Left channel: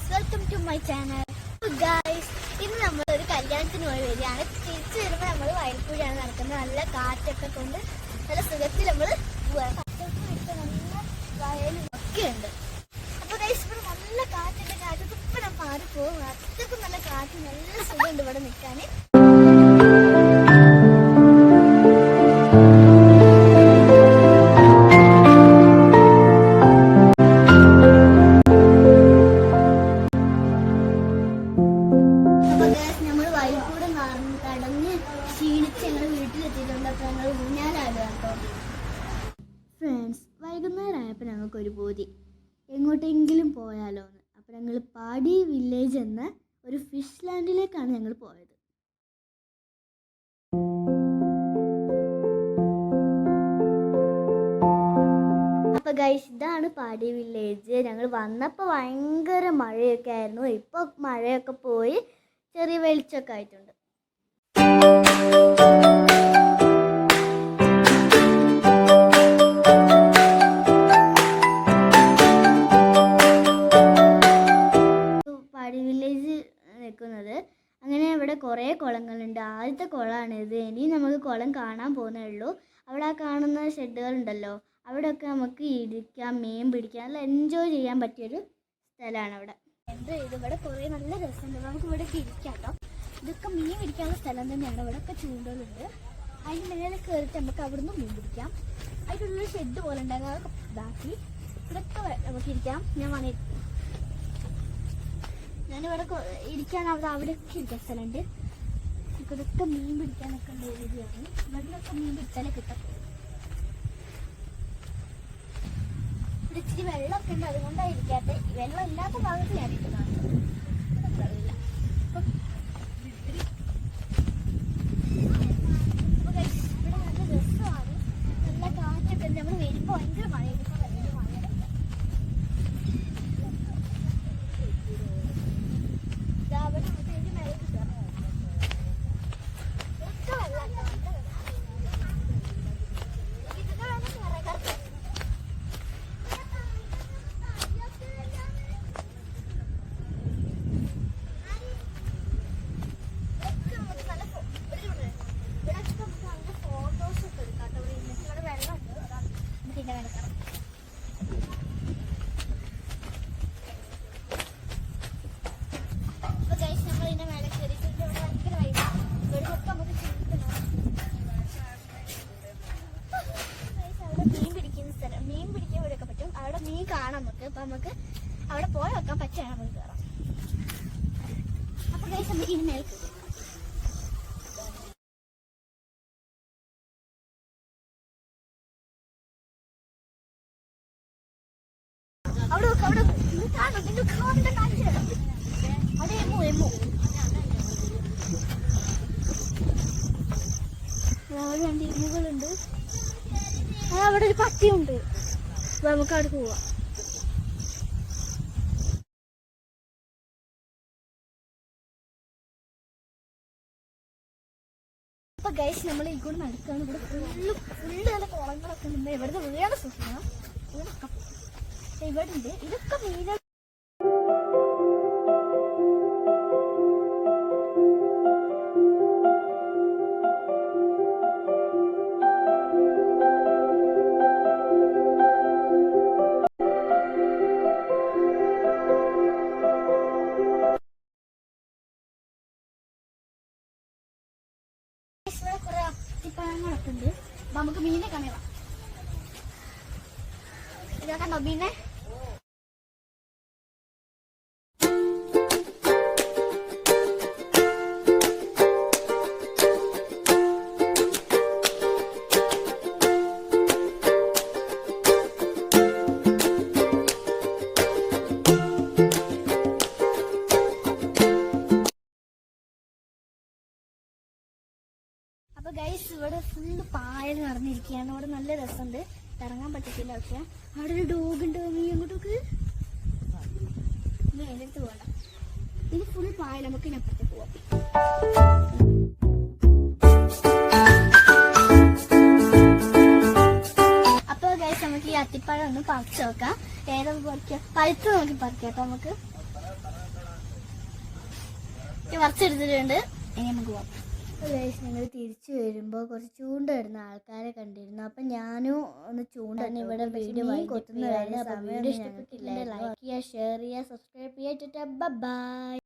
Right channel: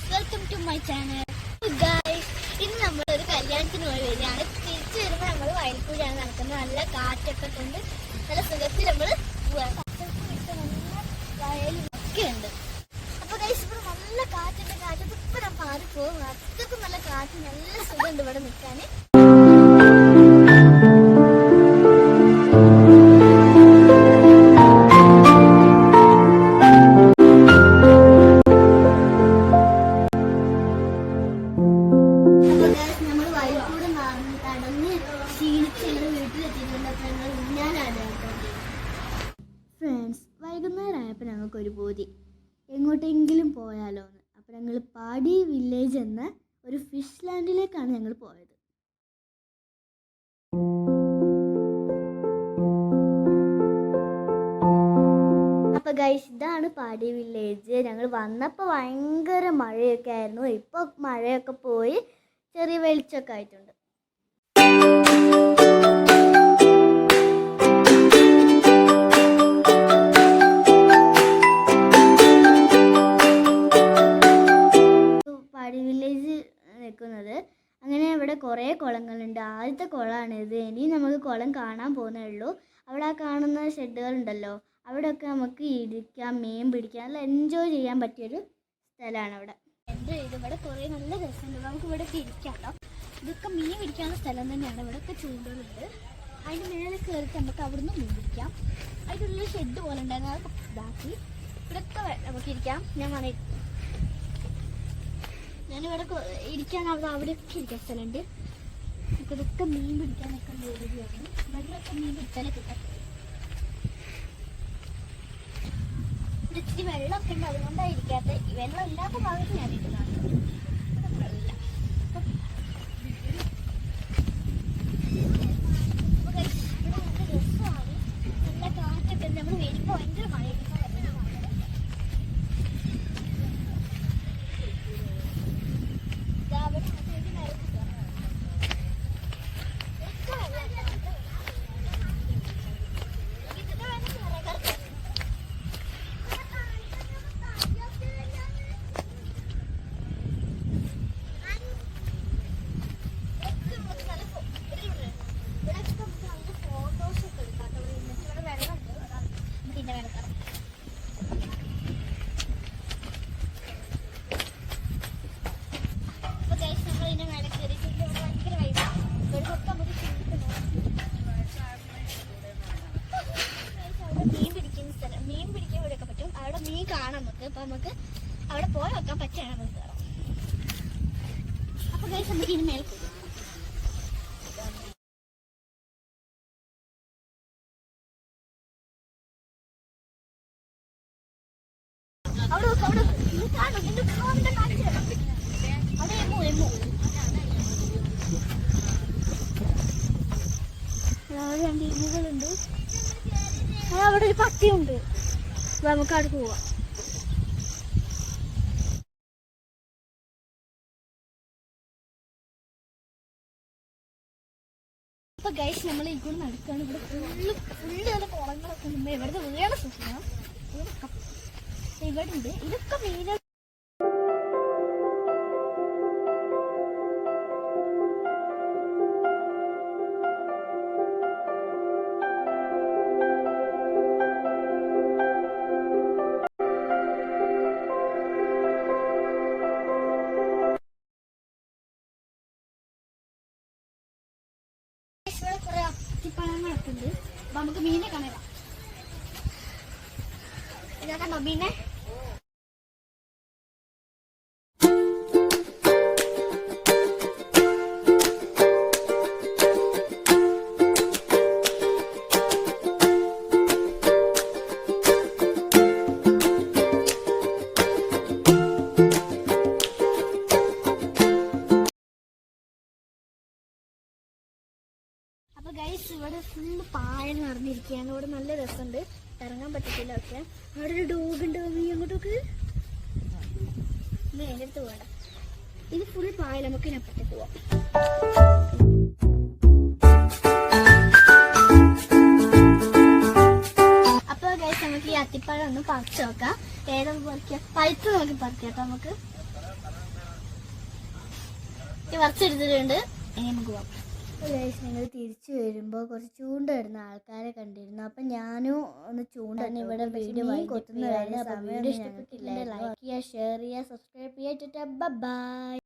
Guys, welcome to my channel. Guys, ഇന്ന് നമ്മളൊരു കല്യാണത്തിന് പോയി വരികയാണ്. തിരിച്ചു വരുമ്പോൾ നമ്മൾ വയൽപ്പുഴയാണ് നടക്കുന്നത്. നല്ല കാറ്റൊക്കെ കൊണ്ട് നല്ല സുഖത്തിൽ നമ്മൾ വയലൊക്കെ ഉണ്ട്. അപ്പൊ ഗൈസ്, ഇവിടെ നല്ല കാറ്റുണ്ട്. കാറ്റത്ത് ഇപ്പൊ ഞാൻ മാറിപ്പോകും. അത്രക്കും നല്ല കാറ്റ്, നല്ല സുഖമുണ്ട് ഇവിടെ നിൽക്കാൻ. ഫ്രണ്ട്സ്, വൈകുന്നേരമായപ്പോൾ ഞങ്ങൾക്കൊരു ബോധി എങ്ങോട്ടെങ്കിലും പോയാലോ എന്ന്. അപ്പോൾ ഞങ്ങൾ പാടി വില്ലേജ് എന്ന ഒരു ഫിഷ് ലാൻഡിലേക്കാണ് ഞങ്ങൾ പോയത്. അപ്പോൾ ഗൈസ്, ഇതാണ് പാടി വില്ലേജ്. ഞങ്ങൾ വന്നപ്പോൾ ഭയങ്കര മഴയൊക്കെ ആയിരുന്നു. ഇപ്പോൾ മഴയൊക്കെ പോയി ചെറിയ വെളിച്ചമൊക്കെ ആയിട്ടുണ്ട്. പാടി വില്ലേജ് നിൽക്കുന്നത് അങ്ങനെ ഇവിടെ കുറേ കുളങ്ങളുണ്ട്. ആദ്യത്തെ കുളമാണിത്. ഇനി നമുക്ക് കുളം കാണാൻ പോകുന്നേ ഉള്ളൂ. അവിടെ ആ കാണുന്ന ഷെഡുകളുണ്ടല്ലോ, അവിടെയൊക്കെ നമുക്ക് ഇരിക്കാം, മീൻ പിടിക്കാം, നല്ല എൻജോയ് ചെയ്യാൻ പറ്റിയൊരു സ്ഥലമാണ് അവിടെ. ഇവിടെ കുറേ നല്ല രസമുണ്ട്. നമുക്ക് ഇവിടെ ഇരിക്കാം കേട്ടോ. ഇതൊക്കെ മീൻ പിടിക്കാനുള്ള സ്ഥലം തന്നെയാണ്. ഇവിടെയൊക്കെ ചൂണ്ടലുണ്ട്. അതിന് മേലെ കയറിയിട്ട് നമുക്ക് അവിടുന്ന് മീൻ പിടിക്കാം. അതിനുള്ള ഷെഡ് പോലെ ഉണ്ടായിരുന്നു, അതൊക്കെ ഇതാക്കി ഇവിടെയൊക്കെ നമുക്ക് ഇരിക്കാം. ഞാനിവിടെ ഇരിക്കാൻ അവിടെയൊക്കെ ഇരിക്കാൻ സ്ഥലമുണ്ട്. ഇതൊക്കെ മീൻ പിടിക്കാനൊക്കെ ഉള്ള ഏരിയയാണ്. ഇവിടെയൊക്കെ മീൻ പിടിച്ചാലേ കിട്ടും. ഇവിടെ ഇച്ചിരി വെള്ളമൊക്കെ ഉണ്ട്, അതുകൊണ്ടാണ് ഇരിക്കാത്ത. വെള്ളം ഇല്ലാത്ത ഭാഗത്ത് ഞാൻ ഇരിക്കുന്നതാണ്. ഇവിടെ നല്ല രസമാണ്, നല്ല കാറ്റൊക്കെ. നമ്മൾ വരുമ്പോൾ ഭയങ്കര മഴയായിരിക്കും. മീൻ കാണാം നമുക്ക്. അപ്പൊ നമുക്ക് അവിടെ പോയി വെക്കാൻ പറ്റുകയാണ് നമുക്ക് കയറാം. അപ്പൊ ഗൈസ്, നമുക്ക് ഇനി മേൽ പോകും. അവിടെ നോക്ക്, അവിടെ കാണും. അവിടെ എമ്മുകളുണ്ട്. അവിടെ ഒരു പട്ടിയുണ്ട്. നമുക്ക് അവിടെ പോവാം. അപ്പൊ ഗൈസ്, നമ്മൾ ഈ കൂടെ നടക്കുകയാണ്. ഇവിടെ ഫുള്ള് നല്ല കുളങ്ങളൊക്കെ ഉണ്ട്. ഇവിടുത്തെ വീഴാൻ സൂക്ഷിക്കണം. ഇവിടെ ഉണ്ട്. ഇതൊക്കെ മീനുകൾ. കുറെ അത്തിപ്പഴങ്ങളൊക്കെ ഉണ്ട്. നമുക്ക് മീനെ കാണാം. ഇതാ കണ്ടോ മീനെ? അപ്പൊ ഗൈസ്, ഇവിടെ ഫുള്ള് പായൽ നടന്നിരിക്കുകയാണ്. ഇവിടെ നല്ല രസമുണ്ട്, ഇറങ്ങാൻ പറ്റത്തില്ല. ഒക്കെ അവിടെ ഒരു ഡോഗുണ്ട്. അങ്ങോട്ടൊക്കെ അതിൻ്റെ അടുത്ത് പോകണം. ഇത് ഫുൾ പായൽ. നമുക്ക് ഇതിനപ്പുറത്ത് പോവാം. അപ്പൊ ഗൈസ്, നമുക്ക് ഈ അത്തിപ്പഴം ഒന്ന് പറിച്ചു നോക്കാം. ഏതൊക്കെ പറിക്കാം? പഴുത്ത് നോക്കി പറിക്കാം കേട്ടോ. നമുക്ക് പറിച്ചെടുത്തിട്ടുണ്ട്. ഇനി നമുക്ക് പോവാം. ഞങ്ങൾ തിരിച്ചു വരുമ്പോൾ കുറച്ച് ചൂണ്ട ഇടുന്ന ആൾക്കാരെ കണ്ടിരുന്നു. അപ്പം ഞാനും ഒന്ന് ചൂണ്ട ഇവിടെ വീഡിയോ കൊത്തുന്ന സമയം ഇഷ്ടപ്പെട്ടില്ല. ലൈക്ക് ചെയ്യുക, ഷെയർ ചെയ്യുക, സബ്സ്ക്രൈബ് ചെയ്യുക. ബൈ.